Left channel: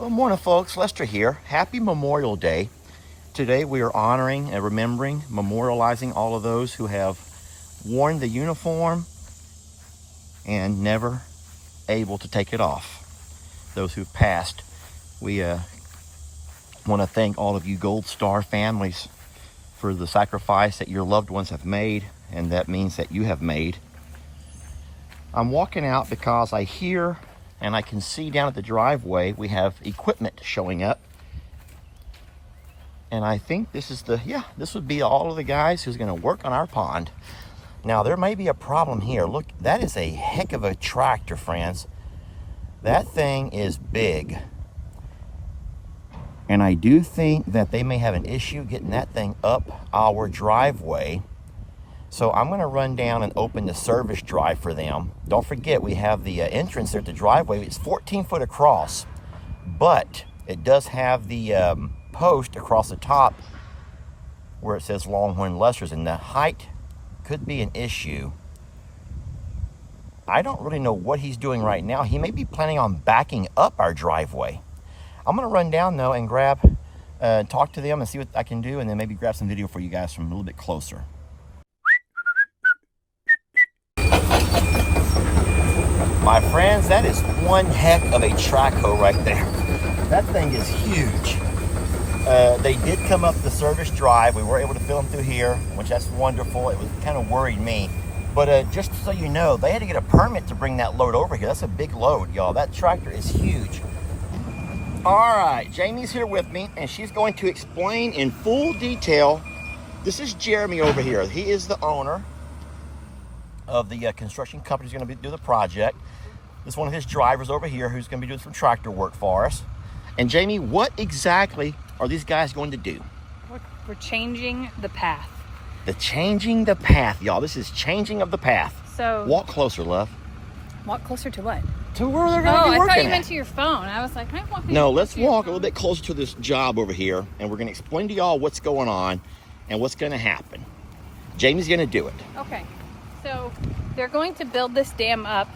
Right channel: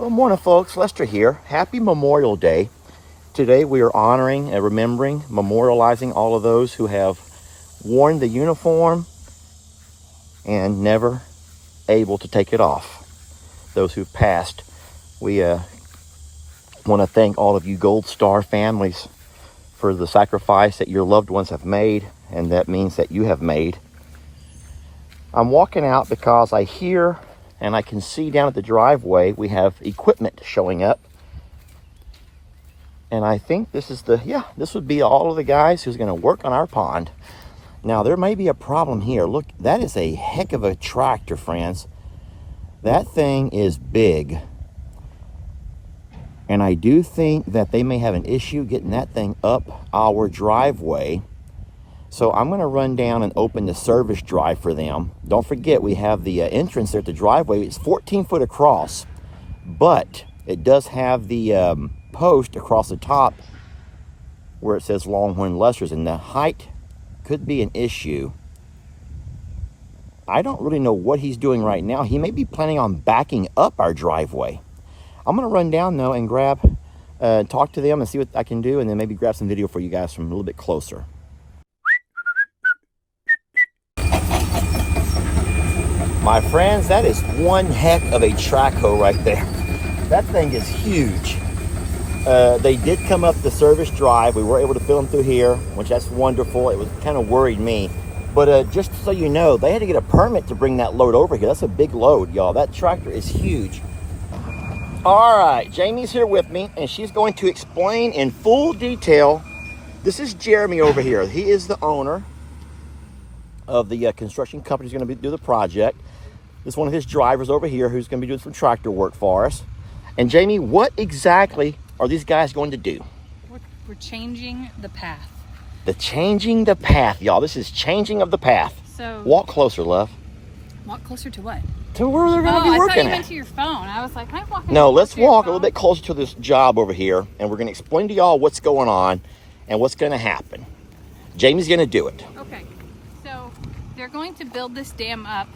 Well, morning, folks. Lester here. Happy Memorial Day. Today we are honoring and remembering, memorializing all of those who have worn the uniform and never able to take it off. Those who passed. We want to thank all of you Gold Star families for the sacrifice that your loved ones have made, and that means that you have made. I'm walking out because I hear and I can see down at the driveway we have equipment showing up. And I think this is this would be all of the guys who's going to work on our pond. Now, there may be a problem here. Look, that is a heck of a tractor, friends. That thing is big. And I do think that they may have an issue getting that thing up our driveway. So I'm going to run down and open the service drive for them. Don't forget, we have the entrance there at the driveway. It's 14 foot across, but it does have the post across the top where it says Longhorn Lester's, and the height could be an issue. I don't really know what he's doing right now. He may be planning on backing up our driveway. I'm going to run down though and talk to them and see what I can do, and then maybe grab some video for you guys from a little bit closer. My friends, that is one heck of a track hoe right there. That thing is huge. They did come up the service drive. We were able to film through here, which that's wonderful. It was kind of worried me. But just so you know, they had to get a permit to bring that load over here. That's a big load, y'all. That tractor is huge. All right, Jamie's here with me, and she's going to explain in full detail. This is Jeremy over here. He is the owner of the construction company who's going to do the project. This is one of his drivers over here who's going to be doing some tractor work for us. And Jamie, what exactly are these guys going to do? We're changing the path. Changing the path, y'all. This is changing of the path. So walk closer, love. Walk closer to what? To where they're going to be working. Oh, I thought you meant to your phone. I was like, I'm walking. No, let's walk a little bit closer to this job over here, and we're going to explain to y'all what's going on and what's going to happen. Jamie's going to do it. Okay. So they're going to build this dam up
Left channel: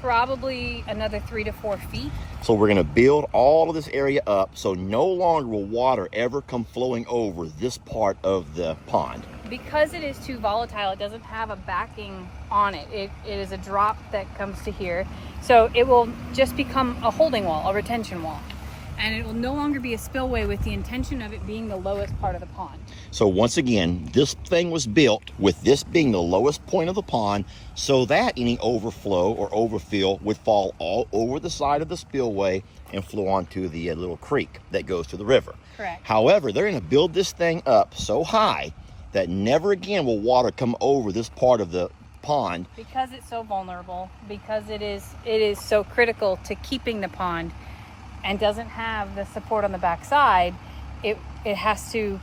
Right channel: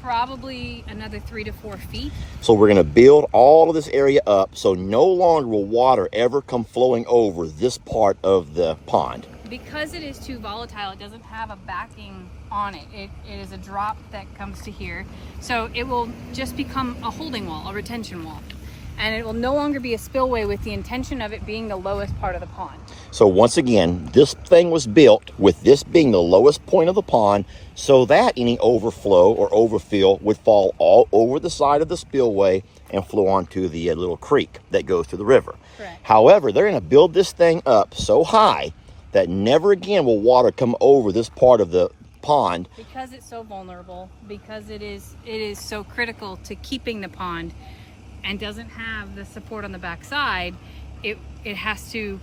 probably another 3 to 4 feet. So we're going to build all of this area up so no longer will water ever come flowing over this part of the pond. Because it is too volatile, it doesn't have a backing on it. It is a drop that comes to here. So it will just become a holding wall, a retention wall. And it will no longer be a spillway with the intention of it being the lowest part of the pond. So once again, this thing was built with this being the lowest point of the pond so that any overflow or overfill would fall all over the side of the spillway and flow onto the little creek that goes to the river. Correct. However, they're going to build this thing up so high that never again will water come over this part of the pond. Because it's so vulnerable, because it is so critical to keeping the pond and doesn't have the support on the backside, it has to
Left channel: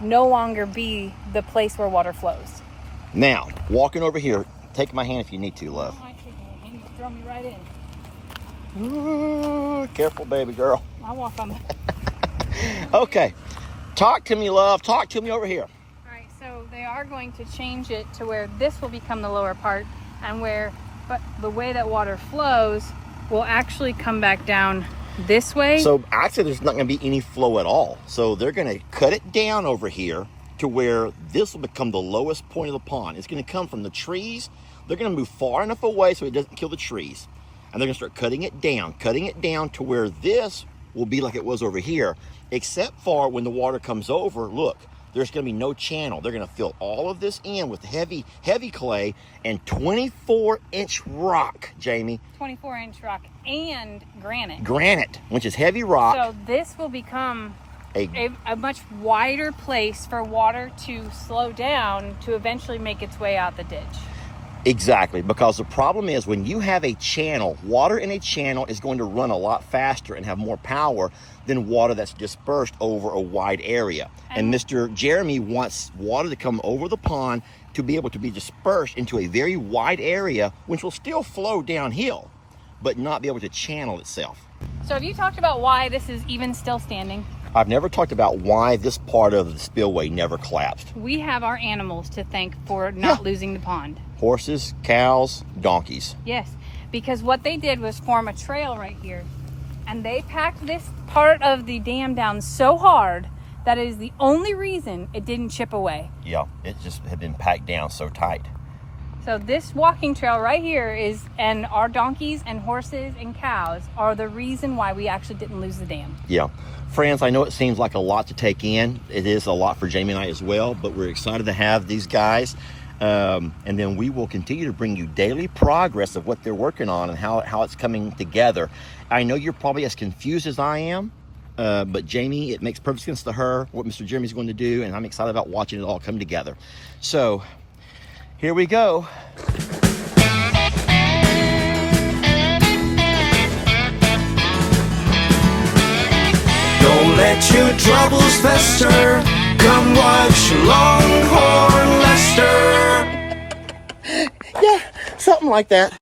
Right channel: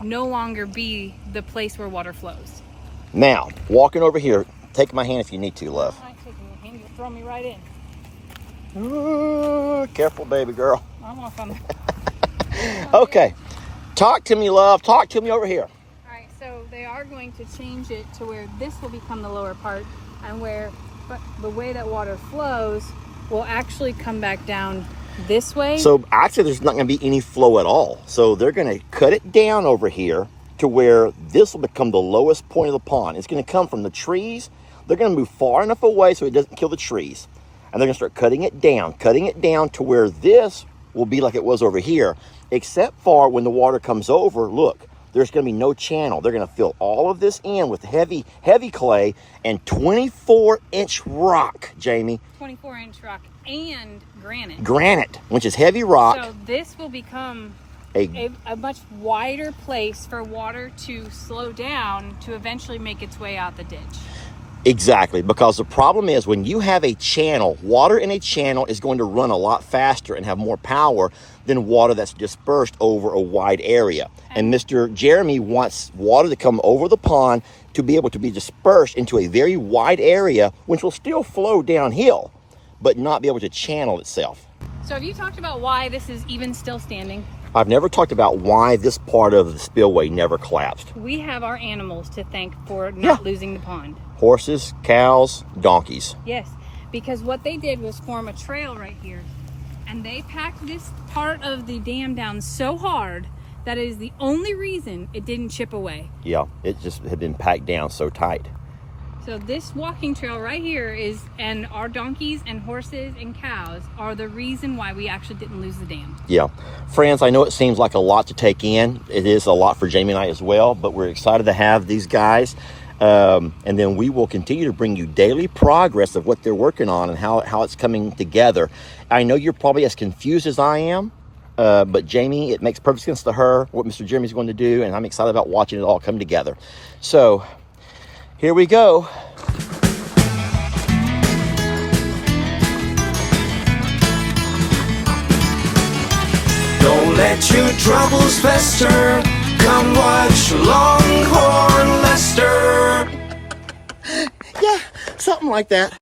no longer be the place where water flows. Now, walking over here, take my hand if you need to, love. I'm not taking your hand, just throw me right in. Ooh, careful, baby girl. I'll walk on there. Okay, talk to me, love. Talk to me over here. All right, so they are going to change it to where this will become the lower part, and but the way that water flows will actually come back down this way. So actually there's not going to be any flow at all. So they're going to cut it down over here to where this will become the lowest point of the pond. It's going to come from the trees. They're going to move far enough away so it doesn't kill the trees. And they're going to start cutting it down to where this will be like it was over here, except for when the water comes over, look, there's going to be no channel. They're going to fill all of this in with heavy clay and 24-inch rock, Jamie. 24-inch rock and granite. Granite, which is heavy rock. So this will become a much wider place for water to slow down to eventually make its way out the ditch. Exactly, because the problem is when you have a channel, water in a channel is going to run a lot faster and have more power than water that's dispersed over a wide area. And Mr. Jeremy wants water to come over the pond to be able to be dispersed into a very wide area, which will still flow downhill, but not be able to channel itself. So have you talked about why this is even still standing? I've never talked about why this part of the spillway never collapsed. We have our animals to thank for not losing the pond. Horses, cows, donkeys. Yes, because what they did was form a trail right here And they packed this part of the dam down so hard that is the only reason it didn't chip away. Yeah, it just had been packed down so tight. So this walking trail right here is, and our donkeys and horses and cows are the reason why we actually didn't lose the dam. Yeah. Friends, I know it seems like a lot to take in. It is a lot for Jamie and I as well, but we're excited to have these guys. And then we will continue to bring you daily progress of what they're working on and how it's coming together. I know you're probably as confused as I am, but Jamie, it makes perfect sense to her what Mr. Jeremy's going to do, and I'm excited about watching it all come together. So here we go. Don't let your troubles fester. Come watch Longhorn Lester. Yeah, something like that.